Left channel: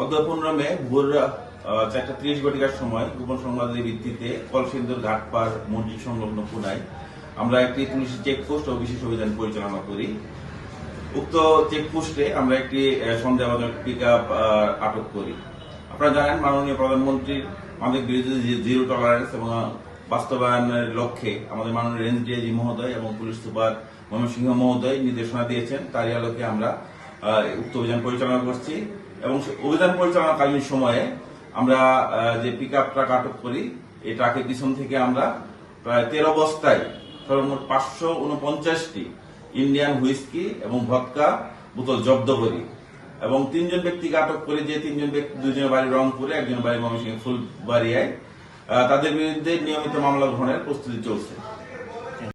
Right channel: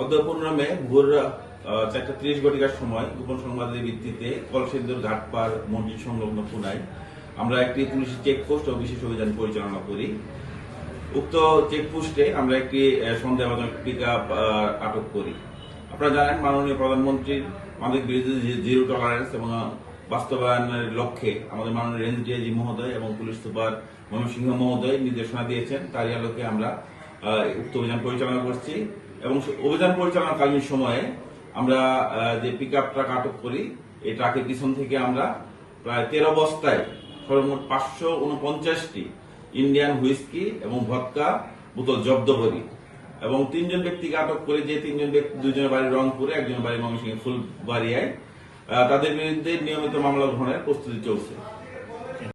অধ্যপন মে ভোর 4:30 ঘটিকার সময় গোপন সংবাদের ভিত্তিতে কলসিন্দুর ঘাটপাড় মসজিদ সংলগ্ন কোনায় আমরা একটি পুলিশি চেকপোস্ট ও বিশেষ অভিযান পরিচালনা করি। উক্ত চেকপোস্টে আমরা একটি সন্দেহজনক পিকআপ আটক করি। আপনারা জানেন, মাননীয় প্রধানমন্ত্রীর আমাদের বিরুদ্ধে জিরো টলারেন্স এবং বাস্তবায়নের লক্ষ্যে আমাদের মাননীয় রেঞ্জ ডিআইজি মহোদয় এবং পুলিশ সুপার ময়মনসিংহ মহোদয় নির্দেশনা দিয়েছেন। তারই আলোকে আমরা উক্ত অভিযান পরিচালনা করছি এবং অভিযান পরিচালনাকালীন সময়ে আমরা যে পিকআপ ট্রাক আটক করি, এই ট্রাকের পিছন থেকে আমরা প্রায় 13 বস্তায় সর্বমোট 549টি ইন্ডিয়ান হুইস্কি এবং ভদকা বোতল জব্দ করি এবং 3 জন ব্যক্তিকে আটক করি। যে 3 জন ব্যক্তি, 2 জনের বাড়ি রংপুরে, 1 জনের বাড়ি ময়মনসিংহ ফুলবাড়িয়ায়। তাদের বিরুদ্ধে নিয়মিত মামলা গ্রহণের প্রস্তুতি চলছে।